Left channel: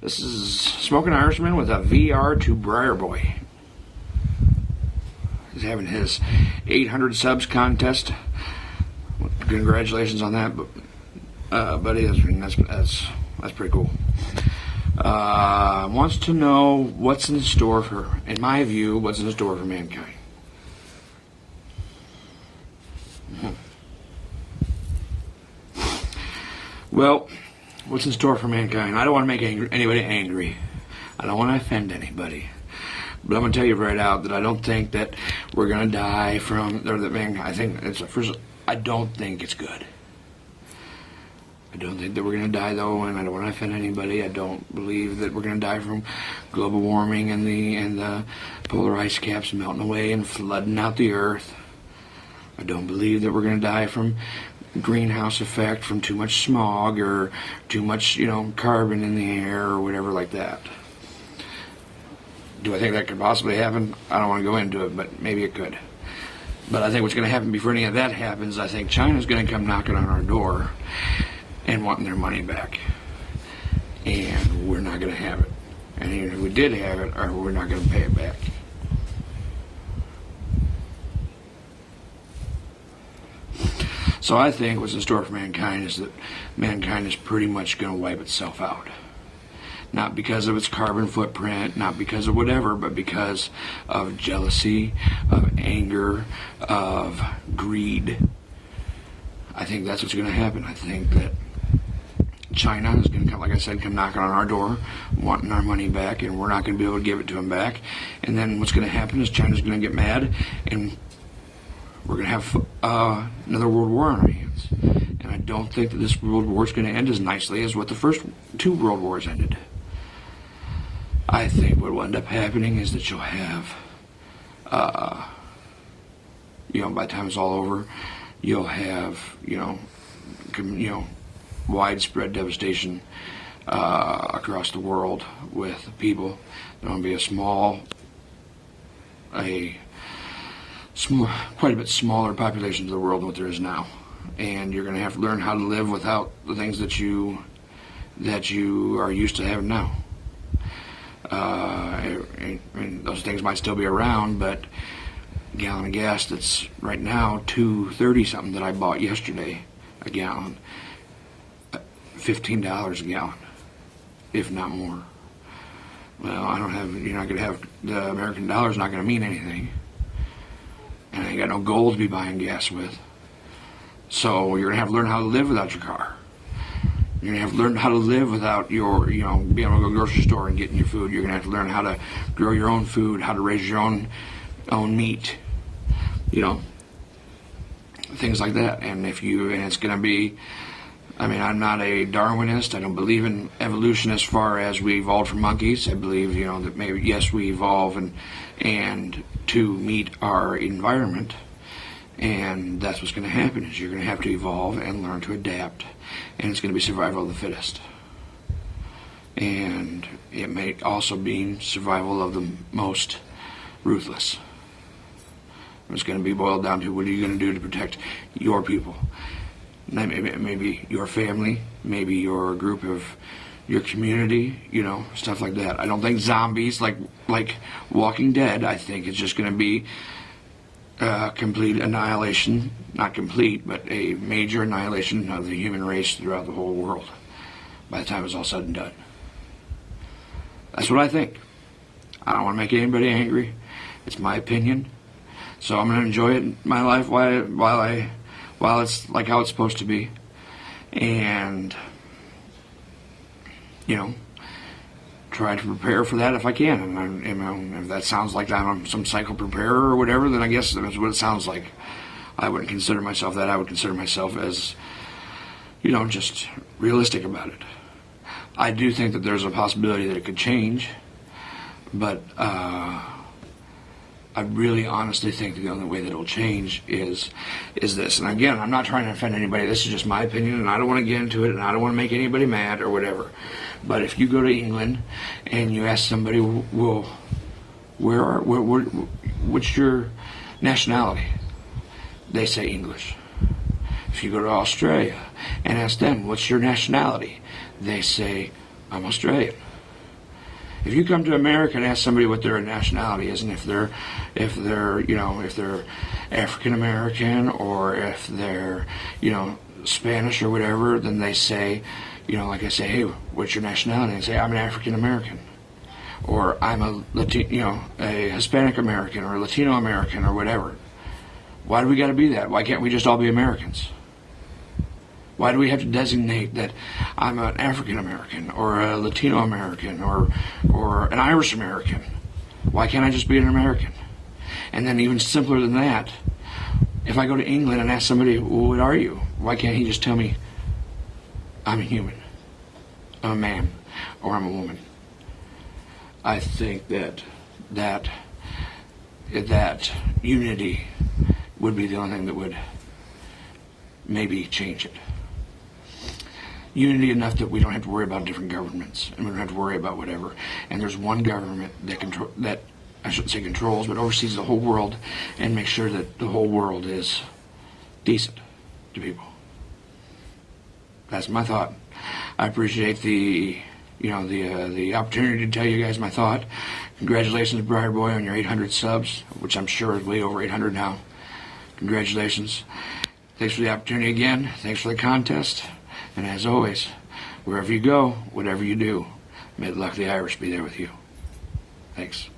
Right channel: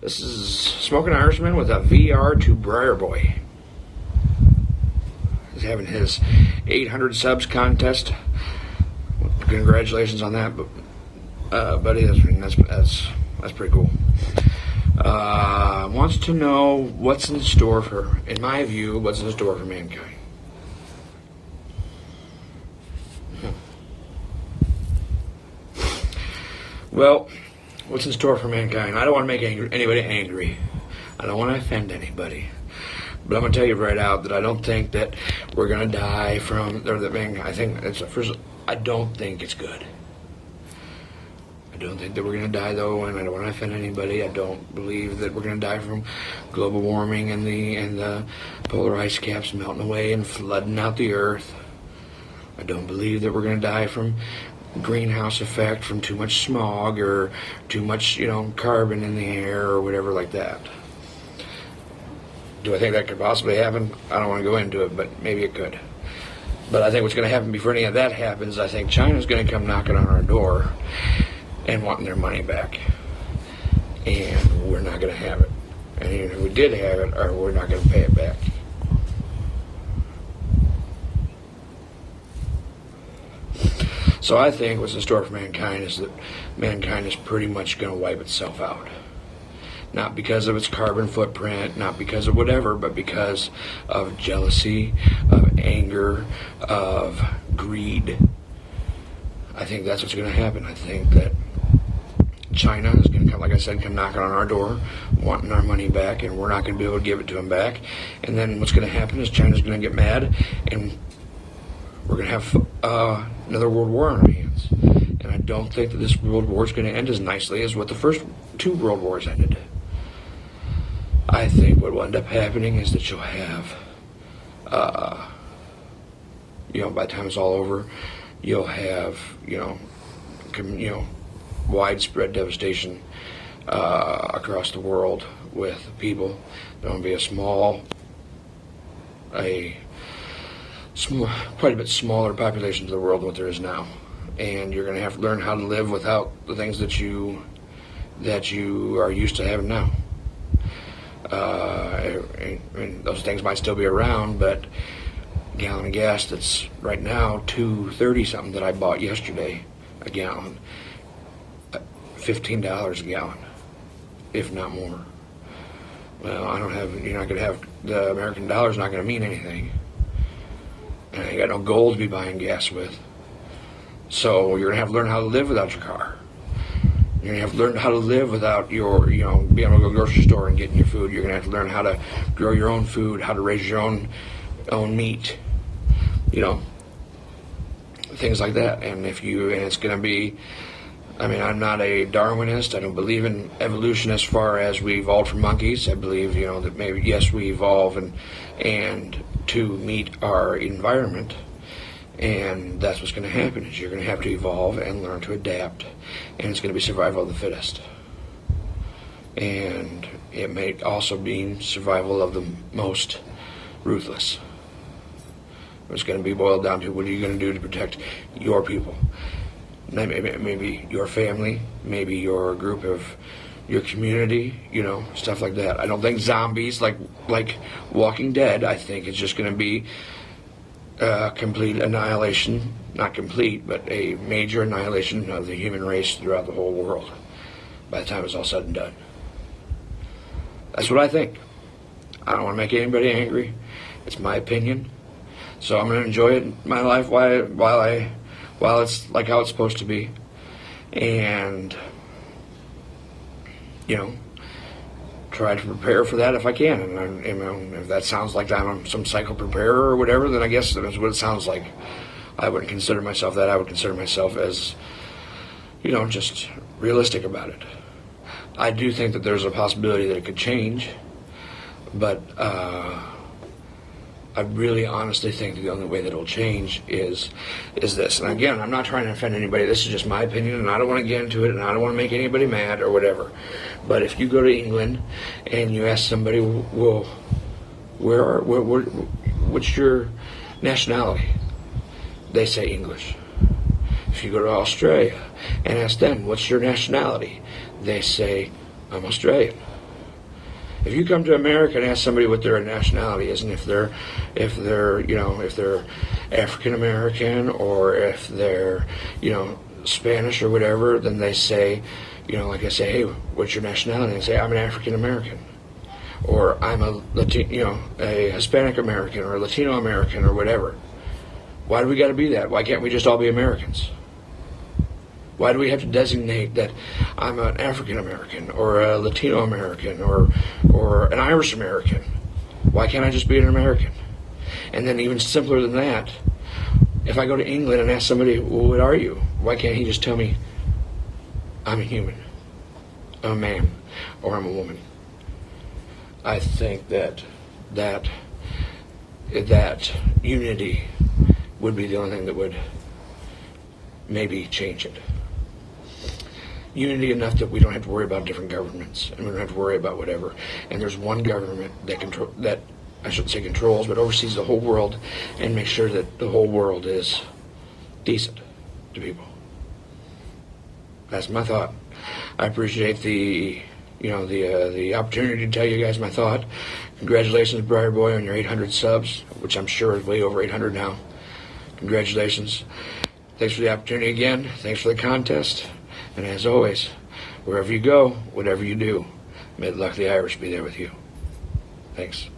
This is Smoking Irishman with a VR to Briar Boy. He's having his 800 subs contest. Congratulations on that, buddy. That's pretty cool. Wants to know what's in store for, in my view, what's in store for mankind. Well, what's in store for mankind? I don't want to make anybody angry. I don't want to offend anybody. But I'm going to tell you right out that I don't think that we're going to die from, or that I think it's first. I don't think it's good. I don't think that we're going to die though, and I don't want to offend anybody. I don't believe that we're going to die from global warming and the polar ice caps melting away and flooding out the earth. I don't believe that we're going to die from greenhouse effect, from too much smog or too much, carbon in the air or whatever like that. Do I think that could possibly happen? I don't want to go into it, but maybe it could. But I think what's going to happen before any of that happens, I think China's going to come knocking on our door and wanting their money back. And we're not going to have it. And even if we did have it, we're not going to pay it back. So I think what's in store for mankind is that mankind is pretty much going to wipe itself out. Not because of its carbon footprint, not because of whatever, but because of jealousy, of anger, of greed. I think that's what's going to happen. I think that China is going to come, like I said, come knocking on our door, wanting our money back, and we're not going to be able to give it to them back. And then what's going to happen is China's going to get mad, and we're going to have another world war on our hands. And I don't think that this world war is going to end as nicely as what the first two world wars ended. I think what will end up happening is that you'll have, by the time it's all over, you'll have, widespread devastation across the world with people. There'll be quite a bit smaller population of the world than what there is now, and you're going to have to learn how to live without the things that you are used to having now. Those things might still be around, but a gallon of gas that's right now $2.30 something that I bought yesterday a gallon, $15 a gallon, if not more. Well, you're not going to have, the American dollar's not going to mean anything. And I got no gold to be buying gas with. So you're going to have to learn how to live without your car. You're going to have to learn how to live without your, being able to go to the grocery store and getting your food. You're going to have to learn how to grow your own food, how to raise your own meat, things like that. And it's going to be, I'm not a Darwinist. I don't believe in evolution as far as we evolved from monkeys. I believe, that maybe, yes, we evolve and to meet our environment. And that's what's going to happen, is you're going to have to evolve and learn to adapt. And it's going to be survival of the fittest. And it may also be survival of the most ruthless. It's going to be boiled down to, what are you going to do to protect your people? Maybe your family, maybe your group of your community, stuff like that. I don't think zombies like Walking Dead. I think it's just going to be complete annihilation, not complete, but a major annihilation of the human race throughout the whole world by the time it's all said and done. That's what I think. I don't want to make anybody angry. It's my opinion. So I'm going to enjoy it in my life while it's like how it's supposed to be. And, try to prepare for that if I can. And if that sounds like I'm some psycho preparer or whatever, then I guess that's what it sounds like. I wouldn't consider myself that. I would consider myself as, just realistic about it. I do think that there's a possibility that it could change, but I really honestly think that the only way that it'll change is this. And again, I'm not trying to offend anybody. This is just my opinion, and I don't want to get into it, and I don't want to make anybody mad or whatever. But if you go to England and you ask somebody, well, what's your nationality? They say English. If you go to Australia and ask them, what's your nationality? They say, I'm Australian. If you come to America and ask somebody what their nationality is, and if they're African American or if they're Spanish or whatever, then they say, like I say, hey, what's your nationality? And I say, I'm an African American, or I'm a a Hispanic American or a Latino American or whatever. Why do we got to be that? Why can't we just all be Americans? Why do we have to designate that I'm an African American or a Latino American or an Irish American? Why can't I just be an American? And then even simpler than that, if I go to England and ask somebody, well, what are you? Why can't he just tell me, I'm a human, I'm a man, or I'm a woman? I think that unity would be the only thing that would maybe change it. Unity enough that we don't have to worry about different governments, and we don't have to worry about whatever. And there's one government that I shouldn't say controls, but oversees the whole world and makes sure that the whole world is decent to people. That's my thought. I appreciate the opportunity to tell you guys my thought. Congratulations, Briar Boy, on your 800 subs, which I'm sure is way over 800 now. Congratulations. Thanks for the opportunity again. Thanks for the contest. And as always, wherever you go, whatever you do, may the luck of the Irish be there with you. Thanks.